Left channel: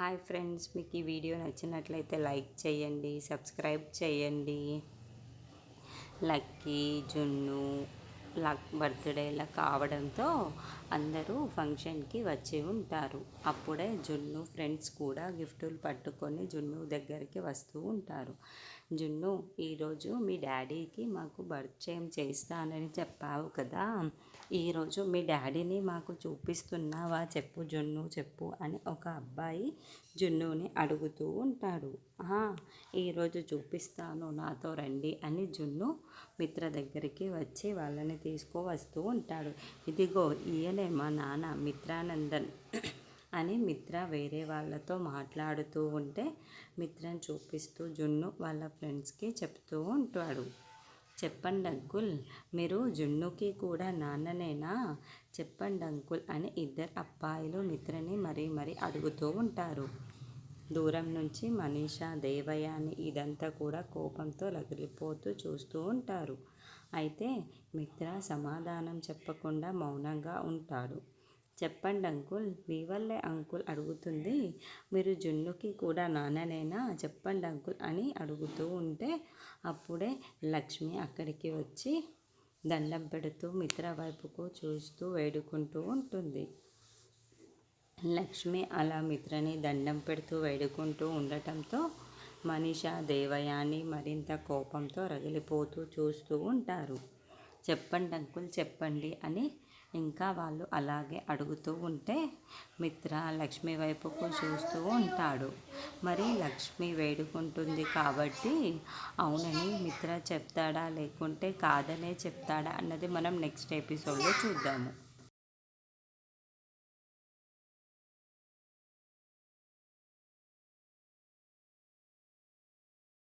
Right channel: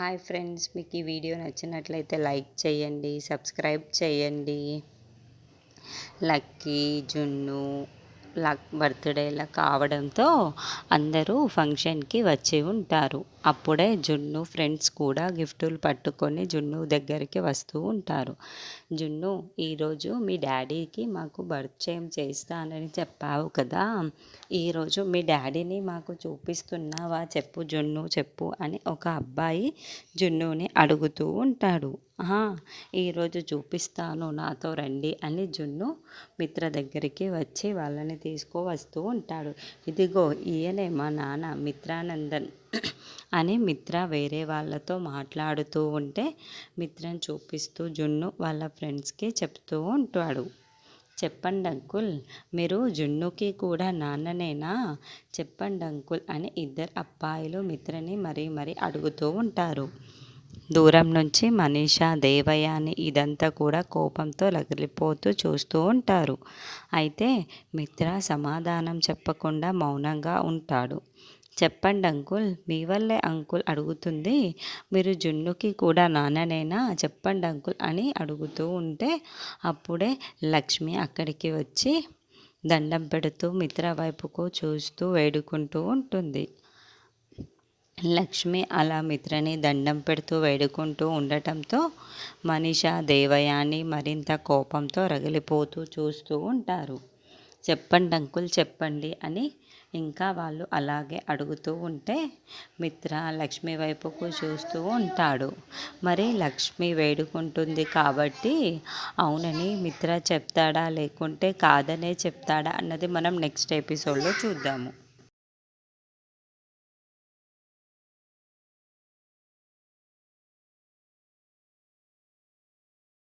Hi friends మీకు ఈ video నచ్చినట్లయితే లైక్ చేయండి సబ్స్క్రైబ్ చేయండి. లక్కీ జున్ను బర్త్డేలా కావడంతో అందరూ ఫంక్షన్కి వచ్చి ఉంటారు. అప్పుడే జున్ను ఫ్రెండ్స్ కూడా గిఫ్టులు పట్టుకొని జున్ను దగ్గరికి వస్తూ ఉంటారు. జున్ను ఈరోజు మీ డాడీకి మాకు పరిచయం చేస్తానని చెప్పావు కదా. ఈరోజు మీ డాడీని మాకు చూపిస్తున్నావా చెప్పు జున్ను చెప్పు అని ఒక అబ్బాయి జున్నుని అడుగుతూ ఉంటాడు. ఈరోజు చూపిస్తాను నాతో రండి అని జున్ను మిత్ర దగ్గరికి వచ్చి వాళ్ళని తీసుకువస్తూ ఉంటాడు. ఇదిగో ఈయనే మా నాన్న మిత్రానందన్ అని మిత్ర వేరే వాళ్ళతో మాట్లాడుతూ ఉంటే మిత్రను చూపిస్తూ జున్ను వాళ్ళ ఫ్రెండ్స్కి చెప్తూ ఉంటాడు. చెప్పండి అంకుల్ మీరు జున్నుకి కూడా నాన్ననేనా? చెప్పండి అంకుల్ అని ఇద్దరు అబ్బాయిలు మిత్రని మరీ మరీ అడుగుతూ ఉంటారు. దూరం నుంచి మనీషా అని ఇదంతా కూడా కోపంతో లగిలిపోతూ చూస్తూ ఉంటారు. అయితే మిత్ర సమాధానం చెప్పకుండా మౌనంగా ఉంటాడు. చెప్పండి అంకుల్ మీ వల్లే అంకుల్ అడుగుతుంది. మీరు జున్నుకి కూడా నాన్ననేనా? చెప్పండి అంకుల్ అని అడుగుతూ ఉంటే అప్పుడే లక్ష్మి అక్కడికి వచ్చి దండం పెడుతూ మిత్ర వైపుకు చూస్తూ వేడుకుంటూ ఉంటుంది. లక్ష్మి అలా మిత్రని దండం పెడుతూ వేడుకుంటూ ఉండటంతో మనిష దేవయాని మరింత కోపంతో రగిలిపోతూ చూస్తూ ఉంటారు. చెప్పండి అంకుల్ చెప్పండి అని ఇంకా వాళ్ళు అలాగే అడుగుతూ ఉంటే మిత్ర లక్ష్మి వైపుకు చూస్తూ ఉంటాడు. మరి లక్ష్మి వేడుకుంటుంది కాబట్టి అవునని మిత్ర చెప్తాడా లేకుంటే కాదనే చెప్తాడా అన్నది మనం నెక్స్ట్ ఎపిసోడ్లో చూద్దాము.